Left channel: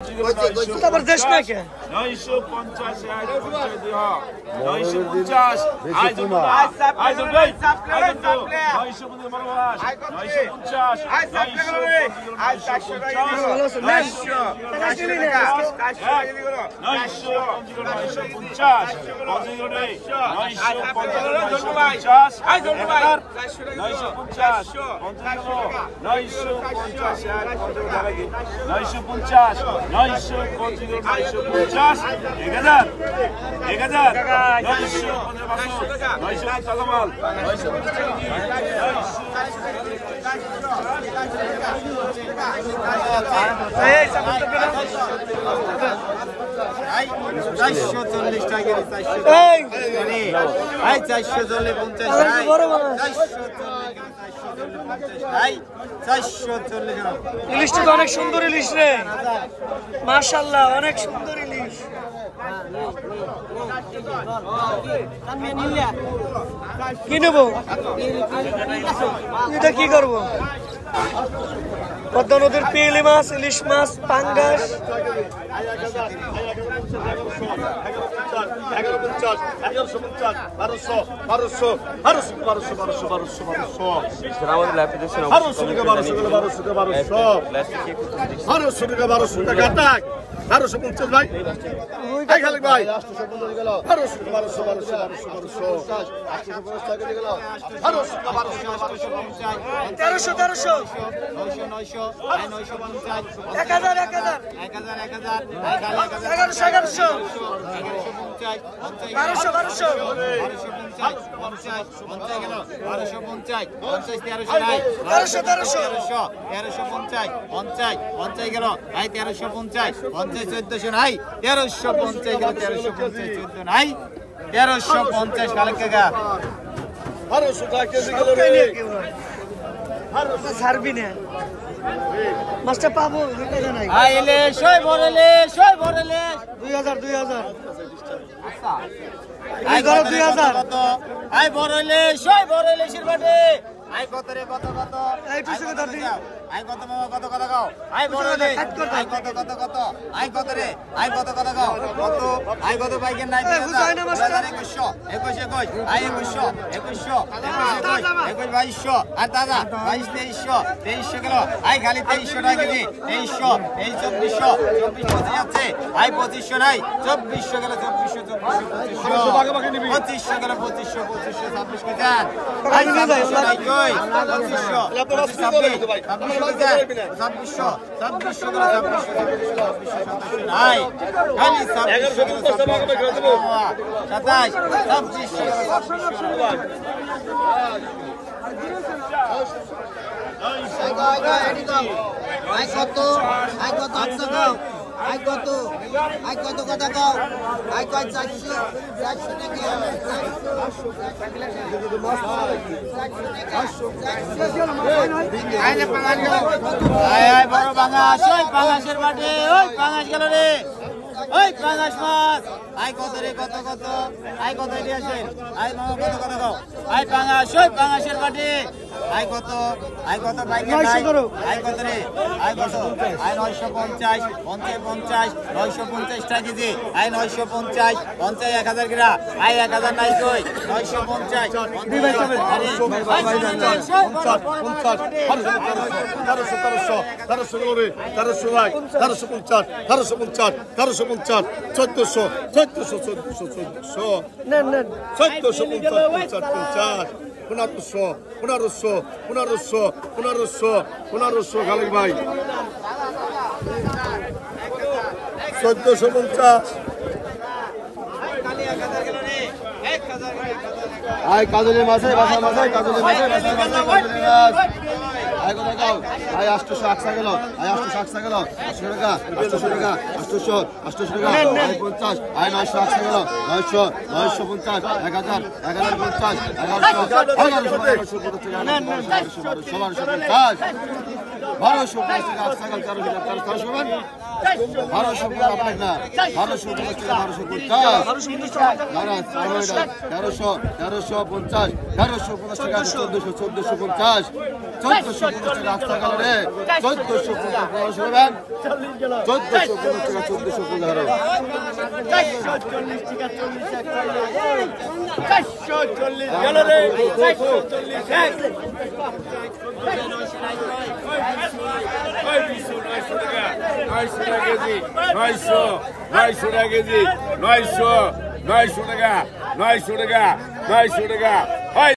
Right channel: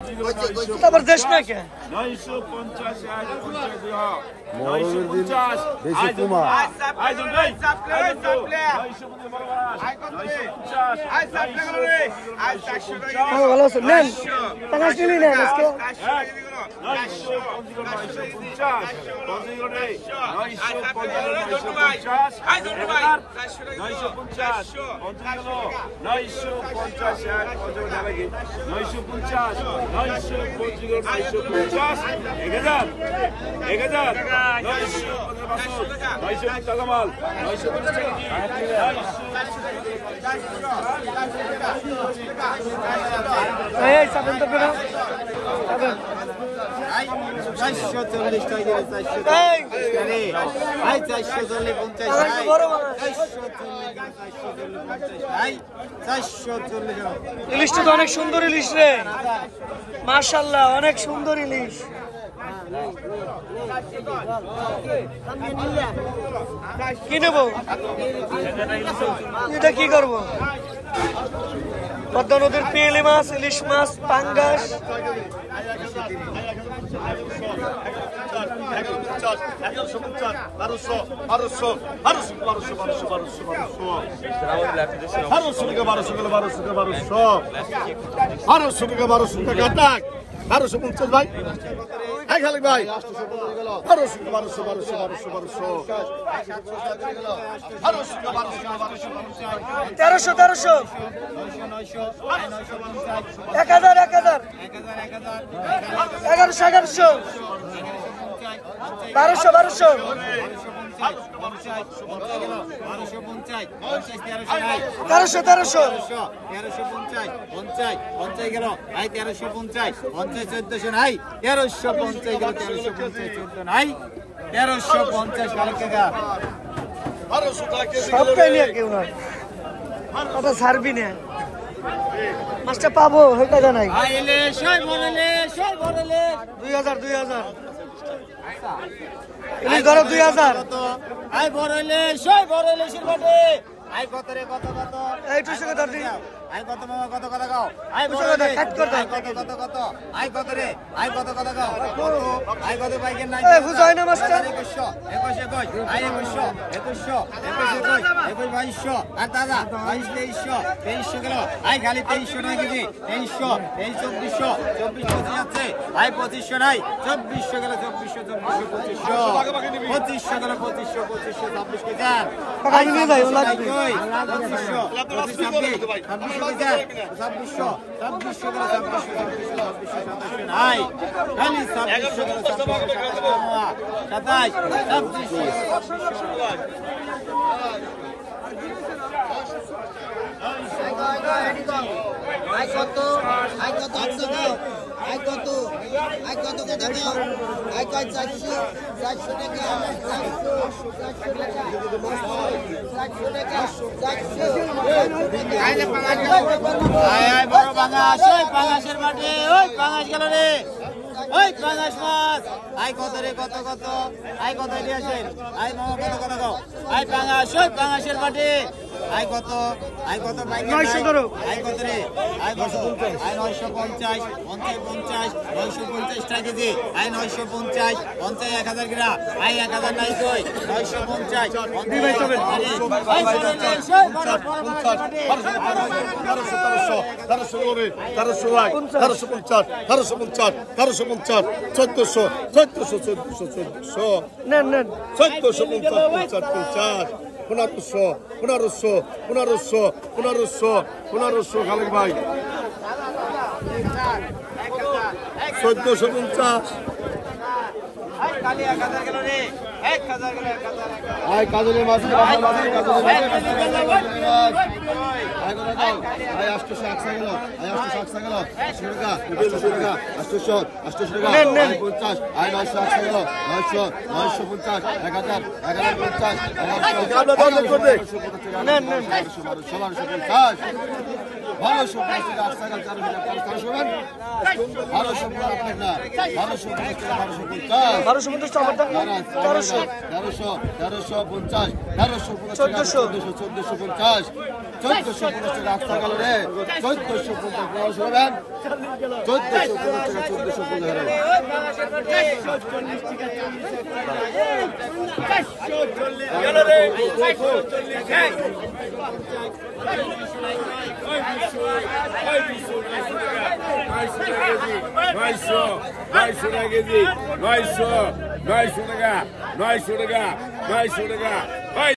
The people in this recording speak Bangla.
जबरदस्त ना क्या ইলিশটা তো অনেক সুন্দর ইলিশ রে মাশাআল্লাহ অনেক সুন্দর ইলিশ কি নেবো এটা কি করবো পদ্মা নদীর পিয়েলি মাছ ইলিশ মাছ পাঙ্গাস তেরোশো 1100 সবটাই নিয়ে কেউ নয় ছাড়বি না মাছটা পাবো টাকা নাই 2000 2000 আই বড়লে সই বড়লে শিরবাটে আই কত রে কত এই তুই সঙ্গে ধর দি আই কত মামা কত কথা গাও আই বড়লে আই কত আই কত রে আই কত কথা গাও কত আই কত বাইকের নাই এই বুঝাই না মাস্টার 21 আই 21 2200 আর দাদা 2300 গেল আই খালি 2300 টাকা কেজি 2300 এই 2400 যাচ্ছে আই 2500 নাই 2400 গেল 2500 গেল 2500 26 কে দেন টাকা নিয়ে যাই ও লাগবে 2600 গেল 26 নাই খালি 2600 গেল বড় পাঙাশ ওই পাঙাশের মাঠে ওই পাঙাশ গেল রে ওই পাঙাশ মাছ আই কত রে কত আই কত দিয়েছেন আই মামা কত কথা কও আই পাঙাশ ওই পাঙাশের মাঠে আই কত বাইকে আই কত রে আই কত আই 950 950 টাকা কেজি আই 950 1000 গ্রা আই 1000 নাই কই 950 1500 খালেক ভাই 1450 আই কাজলের মাছে কাজলের মাছে আই কত দাও আই 800 আকসা গেল আই 800 আকসা গেল 800 টাকা 800 টাকা আই 50 আই 900 আকসা গেল 950 1000 1050 1150 1250 টাকা আকসা গেল 1300 1250 আপনার না 1250 টাকা 1250 1250 টাকা না না 1350 1350 টাকা 1450 1450 টাকা আস্তা গেল রে 1450 1500 হবেন 1450 টাকা 900 টাকা